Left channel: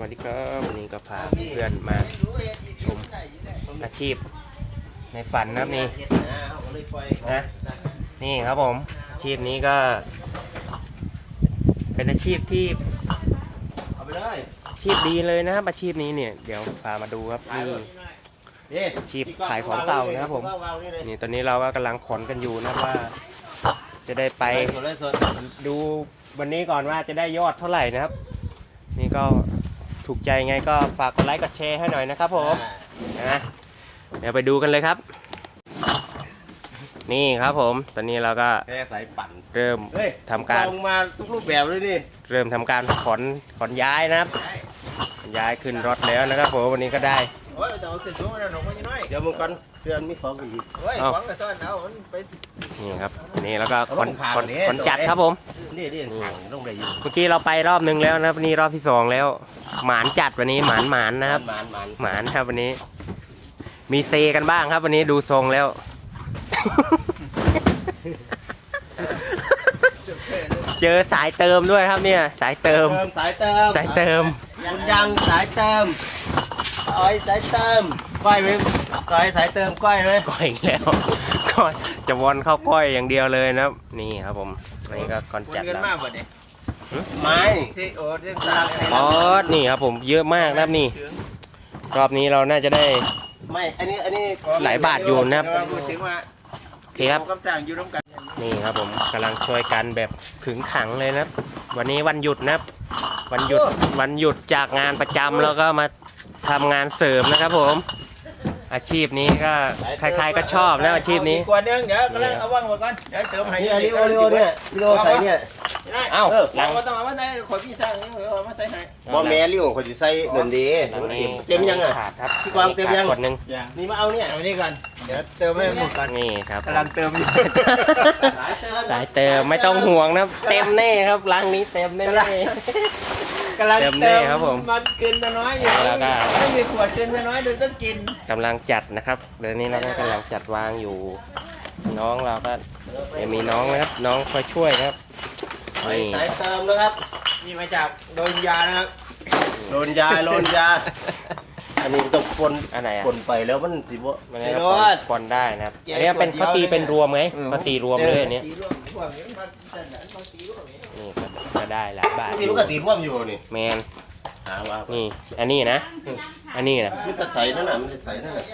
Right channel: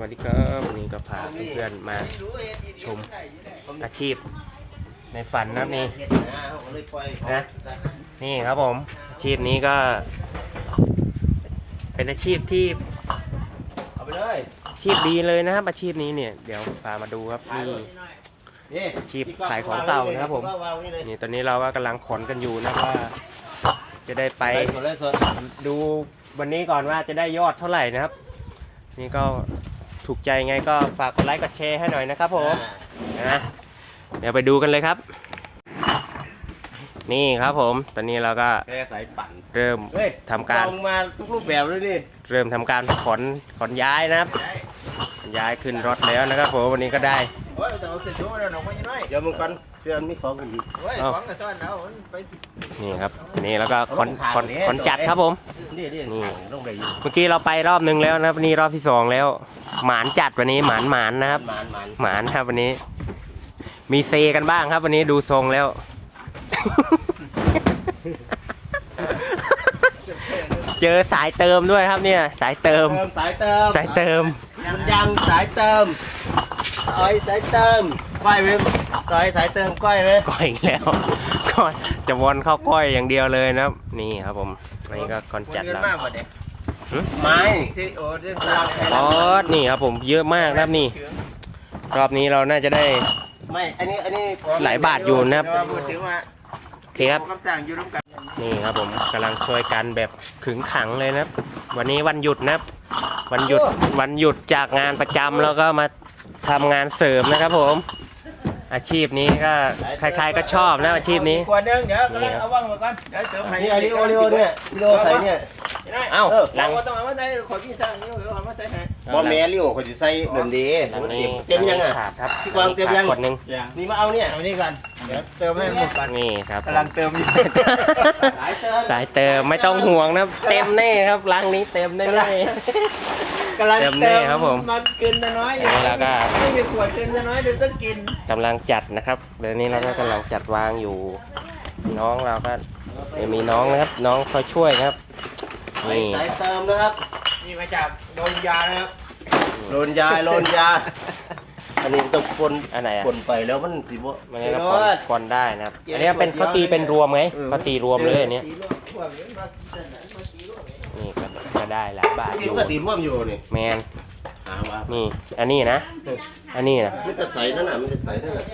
วัสดีครับวันนี้ก็พาเพื่อนมาชมอาชีพ ในฝันนะนี่นะนี่ครับผม อาชีพนี้ก็ เป็นอาชีพที่อาชีพดีเลยนะครับอาชีพนี้เนี่ยเดี๋ยวพามาดูครับนี่อาชีพขายของเก่านะครับผมนี่ตอนนี้เราก็กำลังขนกันอยู่นะว่า จะได้ไปดูวันนี้ก่อนว่าจะได้ยอดเท่าไหร่นะครับ นี่ก็ ถูกใจไงก็ฝากกดไลค์กดแชร์ให้หน่อยนะครับผมอ่านะเดี๋ยวไปดูกันเลยครับ นี่ครับผม ตอนนี้เราก็แค่สายปั่นเริ่มเฮ้ยทำการลองมาทุกรูปแบบเลยนี่เริ่มทำการขนขนย้ายนะครับขนย้ายขึ้นรถแล้วนะครับผมวันนี้ก็ได้ โอ้ยแต่ว่าคือช่วงนั้นหนูไม่ยังน้อยเดี๋ยวมึงกันเสื้อมีของอีกโอ้ยเอ้าหวังกับซ่อนเอามันไปนี่ครับนี่แล้วก็ขนเอาลงขนข่าวนี้ขนจัดครับผม นี่นี่นี่ถังต้องได้อยู่เมื่อกี้เราไปรอบนึงแล้วนะครับวันนี้รอบที่สองแล้ว หมานจัดวันนี้หมานหมานนะครับ หมานหมานหมานครับวันนี้ มีเซกันบ้างครับ วันนี้ดูทรงแล้ว เจอสายเติมด้วยครับเนี่ย สายเติม เติมสายเติมสายเติม คุณยังสายเติม อ้อยสายเติมก้อยไหมก้อยสายเติมก้อยไหมก้อยอีกแล้วก้อยจะวนเข้าก้อยอย่างเดียวเลยนะครับ นี่ครับผมอันนี้ก็คอนคนจัดเงินแล้วมากกว่าเด็กไม้ที่โอ้เรื่องกลางอ๋อนี่ครับผมเยอะมากนะครับนี่ รอบนี้เราน่าจะได้ ไม่อันนี้อันนี้หลายบาทอยู่นะครับ แต่ว่าพูดถึงว่าโอเคครับกับจ้างอยู่ร่วมกัน นี่ครับผมกำลังช่วยกันแบบขึงขังเลยนะครับ วันนี้วันหยุดนะครับ วันหยุดวันหยุดจากงานประจำแล้วก็มาทำงานเสริมนะครับผม อาชีพนี้ก็ใครๆก็ชอบนะอาชีพนี้เกว่านึงเดี๋ยวกำลังเอาว่างไว้ก่อนเดี๋ยวเติมให้นี่อันนี้โอริโอเนี่ยโรใส่เนี่ย เอ้าหลังเราต้องเอามาใส่ขวดพี่สร้างนี่ เอามาใส่ให้บอแม่ริโอเขาจะใส่เดินดีหลังนี้เต็มยังอะขาดครับพี่กวางเต็มยังขาดกดหนึ่งนี่มาเอาเนี่ยเอานี่ก่อนเดี๋ยวเติมให้หมดก่อนนี่ครับกำลังเติมอยู่สายเติมสายเติมไม่ต้องห่วงนะเต็มแน่ครับรังนี้เต็มแน่กำลังกำลังเติมเตินี่มครับผมมันเกินน้อยอยู่แล้วก็ไม่มีขวดเกินน้อยดูต้องกินกำลังจัดนะครับเดี๋ยวนี้เราก็กำลังจัดวางอยู่ น้องเราก็เดี๋ยวมีน้องนะครับ น้องคอยช่วยนะครับ นี่สายเติมนะครับ นี่มาจากโดนยานะครับโลนยาโลนยา อันนี้ต้องปนอันไหนอะปนไปแล้วมันสิบ่มันก็ปอนปอนได้นะครับ อันนี้เป็นเขาตีเป็นรวมไงเขาตีรวมเลยอันเนี้ยตีรวมรวมอย่างนี้ครับตีรวมอย่างนี้นี่ก็ก็ได้หลายบาทอที่ยู่มันก็ตีร่วมอยู่นี่แมนหาว่านี่อันนี้นะ อันนี้นะมันจะใส่นั่นน่ะมันจะใส่นั่นน่ะ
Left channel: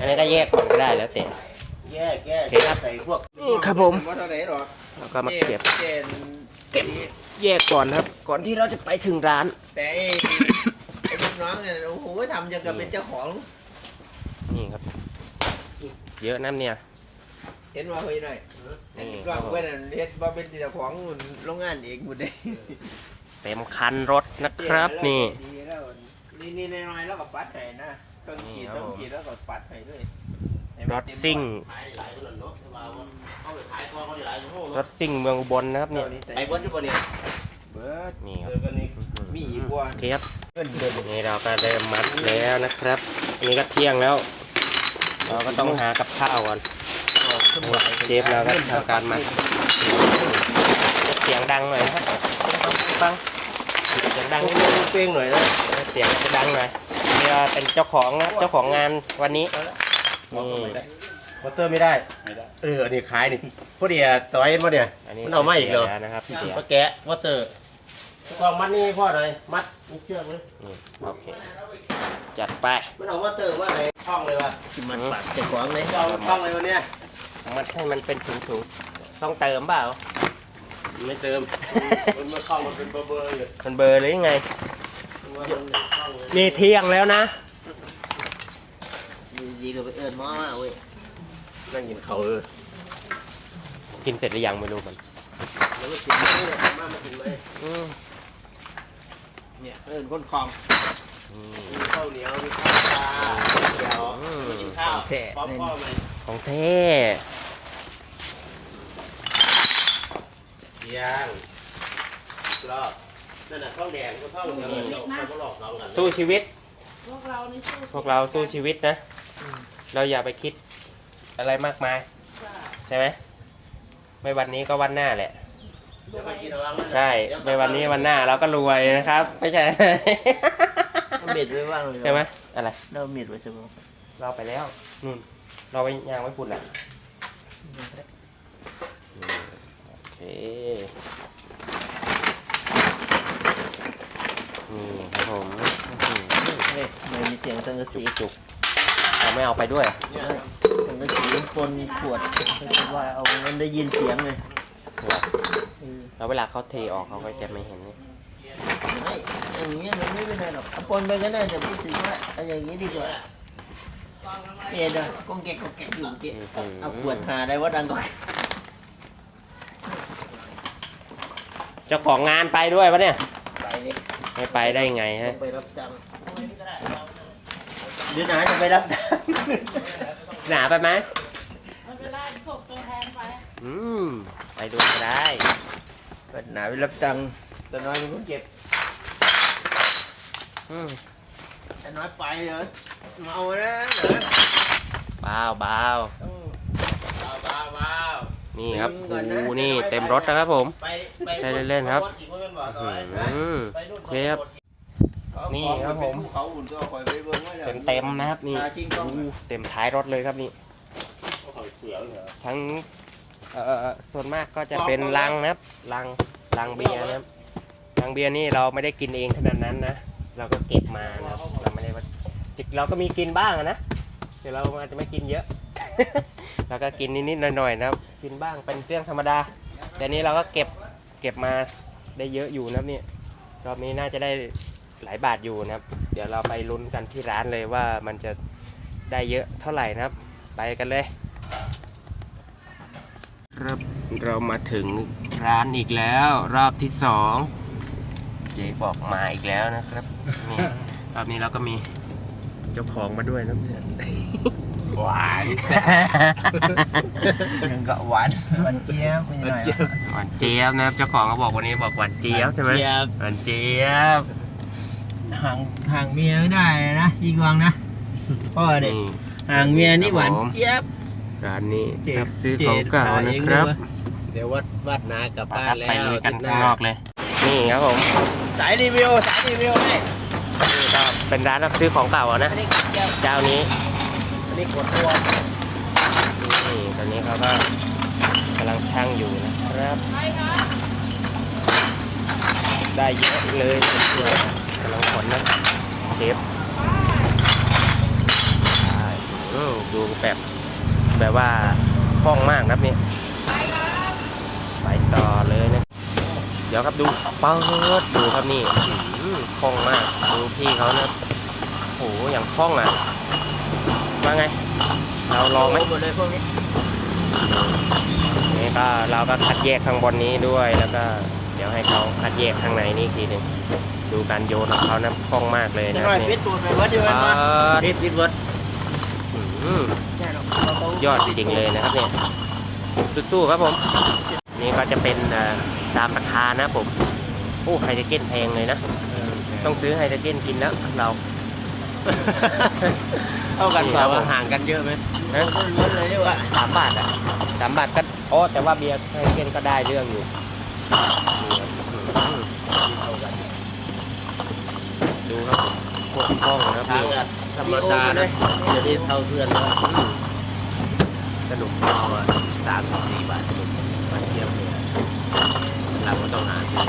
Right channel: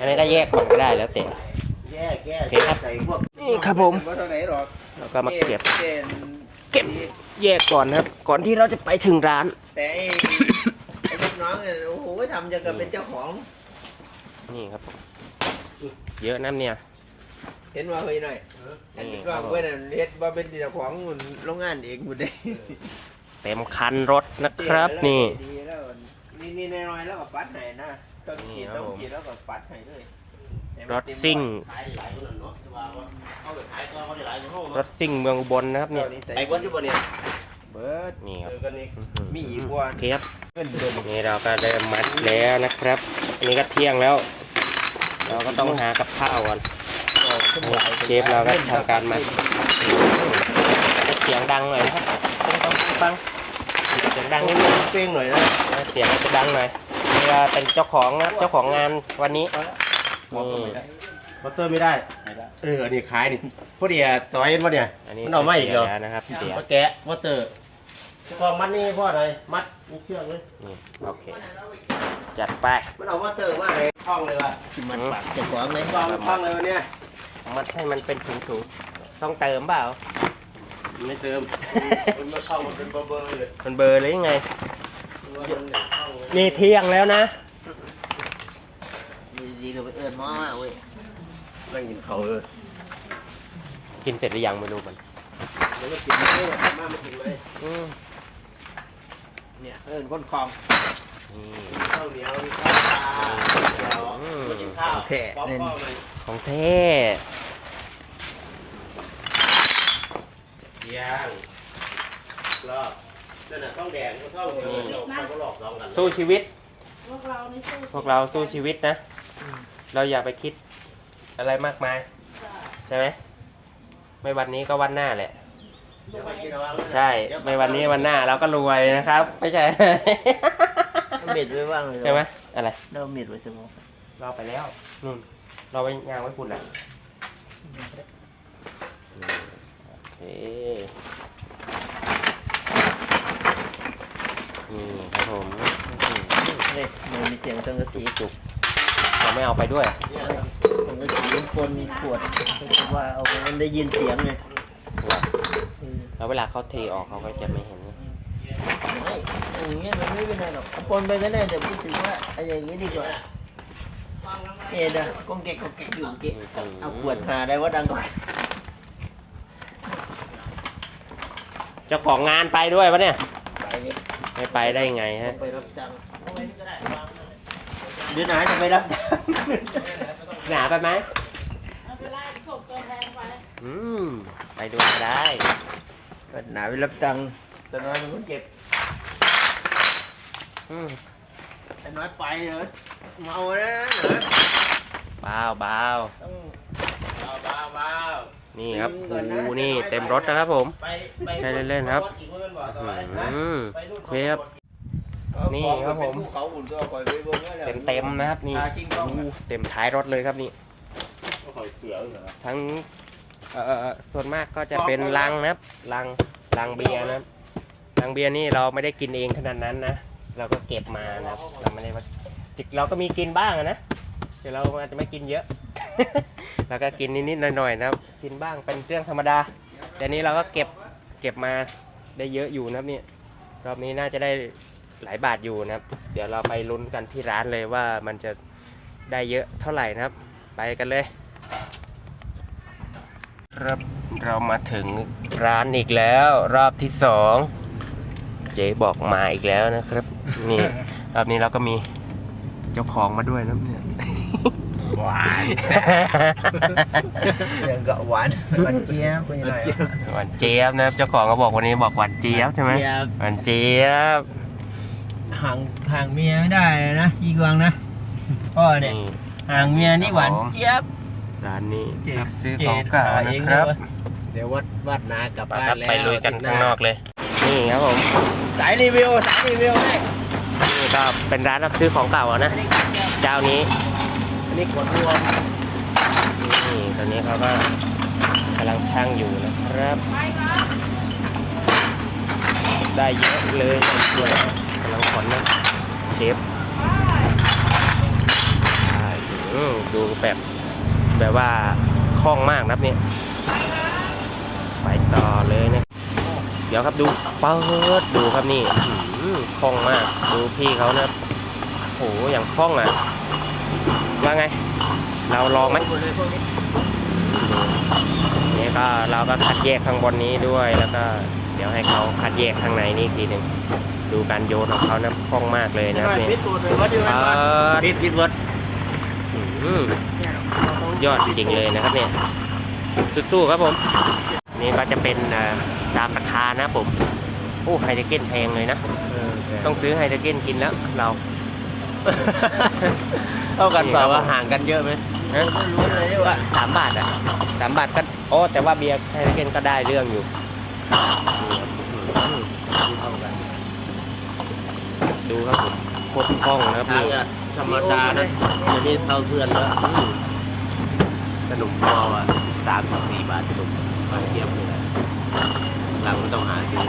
อันนี้ก็แยกก่อนก็ได้แล้วแต่แย่แก้โอเคครับใส่พวกนี่ครับผม มันเท่าไหร่หรอกแล้วก็มาเก็บ เก็บเก็บแยกก่อนนะครับ ก่อนที่เราจะไปถึงร้าน แต่ไอ้ไอ้ลูกน้องเนี่ยโอ้โหทำจะกับเป็นเจ้าของ นี่ครับผมเยอะน้ำเนี่ย เห็นว่าเฮ้ยหน่อยนี่เห็นคว่ารับผมเพื่อนเฮ็ดว่าเป็นเจ้าของโรงงานเองหมดเลยเต็มคันรถนะครับ นี่ดีแล้วนี่นี่น้อยๆแล้วก็ปัดให้นะต้องนี่ขีดครับต้องผมขีดแล้วก็ปัดให้ด้วย รถซิ่งขายหลายคนเนาะแต่ว่าเอาไปขายก่อนเขาได้หลายห้องรถซิ่งเมืองอุบลนะครับเนี่ยไอ้คนอยู่บ่เนี่ยเบิร์ดนี่ครับเจอกันนี่มีอีกว่าโอเคครับเงินเดือนนี่เราก็ได้มัดแล้วนะครับ อันนี้ก็เที่ยงแล้ว เราก็ต้องหากับข้าวก่อนเชฟเราก็ทำการมัดจะเสียงดังหน่อยนะครับปังปังเสียงดังนิดนึงเป้งหน่อยนะเสียงจะดังหน่อยนี่ก็เป็นเจ้าของนะครับเจ้าของงานวันนี้ นี่มอเตอร์ไม่ได้เอออันนี้ขายนี่พอดีอะต่อยเห็นบ่เนี่ยอันนี้มันเอามาอีกเหรอแล้วนะครับเสียมาแกะมอเตอร์กองมัดนี่พ่ออะไรมัดมีเชือกเลยนี่โอเค จัดไป มันเอามอเตอร์มาให้ห้องเลยว่ะมันปัดเจ้าของเลยกองห้องเลยวันเนี้ยมัดให้มันเป็นถุงๆต้องเติมเปล่า ไม่เติมมันมาเข้ามันเป็นเบอร์เบอร์เลยมันเบลอร์หรือยังไงนี่เที่ยงแล้วนะดีๆ ก็ไปเอิญหมอมาเว้ยนั่งกินเขาเลยกินเสร็จหรือยังไม่รู้มันแล้วก็กินไม่ได้ไม่กินเลยอืมเนี่ยเอิญคนคลองนี่ข้าวเหนียวมีข้าวปลาเดี๋ยวอืม กินข้าวป๊อปคอร์นเลยของเท่เลี้ยงรอบนั่นน่ะข้าวแดงข้าวเหนียวเดี๋ยวมันก็หลอกสองกันสู้ชีวิต พวกเรานี่สู้พวกเราสู้ชีวิตนะ เราอย่าไปคิดอะไรมากมาย ใช่ไหมไม่วันนี้ก็วันหน้าแหละ ใช่ไม่วันนี้วันหน้าเราก็รวยนะครับ ไม่ใช่เบ็ดไว้ว่างเลยใช่ไหมเอะไร เราเมียดไว้สมองเราไปแล้วนู่น เราไปยางไว้ปุ่นแหละโอเคนี่ครับผมอื้อหือเฮ้ยมันมีเสียงสังกะสีจุกๆ เราไม่เอาไปด้วยสังกะสีปนขวดก็คือว่าเอามันได้ยินเสียงไงแล้วเวลาเขาเทออกเขาก็จะไม่เห็น ไม่อย่างเงี้ยมันไม่เป็นไรหรอกเอาปนไปก็ได้แต่พูดถึงว่าเอาอย่างนี้ดีกว่าเอ็ดอะกองแกกกองแกกอยู่เจ๊เอาขวดหาได้ว่าดังก็เจ้าของงานไปด้วยปะเนี่ย ไปไม่ไปได้ไงฮะ ไปรับจ้าง เดี๋ยวไหนจะไปรับจ้างหนาไปไหมไม่เป็นไรส่งตัวแทนไปอืมไปด้วยก็ได้ไปไหนไปรับจ้างแต่น้อยเป็นคนเก็บอืมแต่น้อยไปเนอะเมานะนะเบาเบาต้อง ว้าวว้าวนี่ครับอืมก่อนนะโอ้นี่เต็มรถนะครับผม ไปไปใช่เล่นๆครับ อีกคนมันบอกต่ออืมไปนู่นโอเคครับ นี่ครับผมเขาอุ่นก็คอยไปเบิ่งไว้นี่ยเต็มเต็มๆนะครับนี่อ่าจริงๆโอ้เต็มท้ายรถเลยครับนี่ หอยเสือเหรอทั้งเอ่อส่วนมากก็จะเป็นลังนะครับลังลังเบียร์นะครับลังเบียร์นี่เราไม่ได้กินเองขนาดนั้นนะเราก็เก็บมานะครับเราไม่ได้ว่าจิกเราก็มีกินบ้างอะนะแต่เราอาจจะไม่กินเยอะ เราก็กินนิดๆหน่อยๆนะครับ กินบ้างเป็นเรื่องธรรมดา แต่นี้เราก็เก็บเก็บมาได้เยอะอยู่นะครับเนี่ยรอบนี้น่าจะได้ หลายบาทอยู่นะครับ เดี๋ยวเราไปลุ้นกันที่ร้านเลยว่ามันจะได้เยอะเท่าไหร่นะครับ ไปกันเลย ครับเรามาถึงร้านอีกแล้วรอบที่สองเจ๊บอกมาอีกแล้วนะครับ นี่รอบนี้เราก็มีเจ้าของมาด้วยนะเนี่ยหวานยังกะหวานหวานเจี๊ยบเป็นยังไงหวานเจี๊ยบนะครับเจ้าของก็บอกวันนี้บอกหวานเจี๊ยบใช่ไหมเจี๊ยบหวานเจี๊ยบ ห่างห่างเมียไม่ได้เลยนะจีกวางนะพ่อเนี่ยนี่ห่างเมียนี่หวานครับผมเจี๊ยบร้านนี้เจ๊รับซื้อของเก่าเจ๊ขายเองนะครับด้วยวะเดี๋ยววัดวัดนากลับไปบ้าครันบแล้วไปลุยกันข้างนอกเลย นี่ครับผม สายรีวิวสายรีวิวให้นี่ก็เป็นร้านรับซื้อของเก่าอะนะเจ้านี้อันนี้ขวดเรือนี่ตอนนี้เขาก็กำลังช่างอยู่นะครับ ได้เยอะเลย กำลังขนนะเชฟดูแบบแบบว่าคล่องมากนะครับเนี่ยไปต่อเลยนะเดี๋ยวครับดูเปิดดูครับนี่คล่องมาก ดูพี่เขานะโอ้โหอย่างคล่องอะว่าไง เราลองไหมหมดเลยพวกนี้ดูนี่ก็เราก็คัดแยกข้างบนนี้ด้วยแล้วก็ ดี๋ยวให้เขาคัดแยกข้างในนี่อีกทีหนึ่งดูการโยนของเขานะคล่องมากเลยนะหน่อยนี่พิษตูดหน่อยว่าที่เปิมันดพิษพิษรถอื้อหือยอดจริงๆเลยนะครับเนี่ยสู้ๆครับผม นี่ก็จะเป็นเอ่อตามราคานะผมโอ้ไฮเดรเกนแพงเลยนะ ต้องซื้อไฮเดรเกนกินแล้วเราเท่ากันนี่ต่ครัอบผมห่างกันเยอะไหมฮะล้วนๆเลยก็ว่ะสามบาทอะสามบาทก็โอ้แต่ว่าเบียร์ไฮเดรเกนก็ได้เรื่องอยู่นี่ครับอืม ดูครับผมโคตรคล่องนะครับทานี่อธรรมดาเดี๋ยวนี้เท่าเพื่อนแล้วสนุกมากกว่าสามสี่บาทสนุกมาเทียบเลยหลังต้องหาซื้อ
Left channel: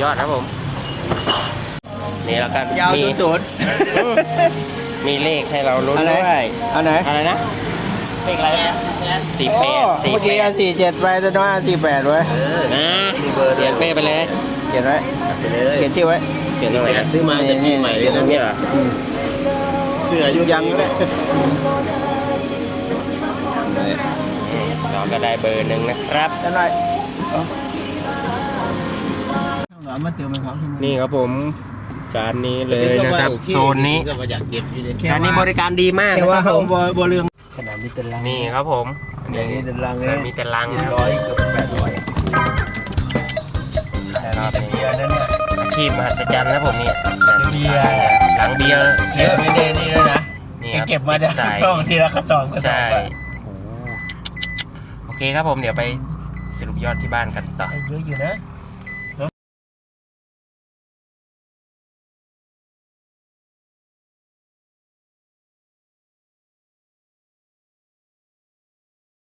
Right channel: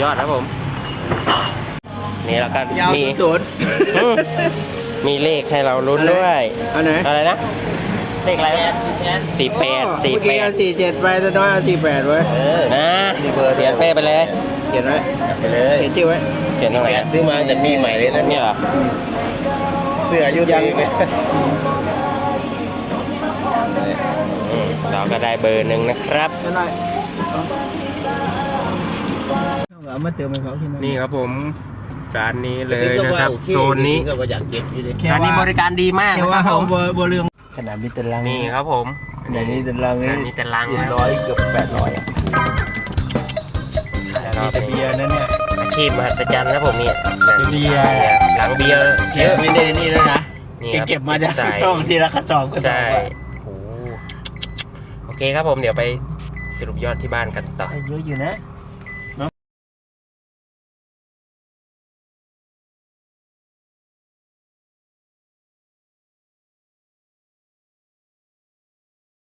ยอดครับผม นี่แล้วก็ยาวมีศูนย์ศูนย์อืมมีเลขให้เราลุ้นด้วย อันไหน อะไรนะ เลขอะไรสี่แปดโอ้สี่เมื่อแปกี้เอาดสี่เจ็ดไปแต่น้อยเอาสี่แปดไว้นะเขียนเป้ไปเลยเขียนไว้ไปเลยเขียนชื่อไว้เขียนตรงไหนแปดซื้อมาจากปีใหม่เลยนะนี่เหรอเสื้ออายุยังยังอืมเราก็ได้เบอร์หนึ่งนะครับอันไหนเอามาเติมให้เขาที่ นี่ครับผมร้านนี้เลยนะครับ โซนนี้ก็อยากเก็บที่นี่ ร้านนี้บริการดีมากแค่นะคว่ารับเขาผมบ่บ่ลืม ขนาดมีตารางนี่ครับผมขนาดมีตารางร้านมีแต่ลังนะร้อยเกือบแปดร้อยรอบนี้เบียร์นั่นเนี่ยอาชีพมหัศจรรย์นะผมนี่เบียร์หลังเบียร์เยอะไม่ได้นี่เลยนะนี่แกครับเก็บมาได้ใส่บางทีละกระสอบใช่โอ้โหโอเคครับผมเดี๋ยวไปสรุปยอดที่บ้านกันต่อเยอะอยู่นะค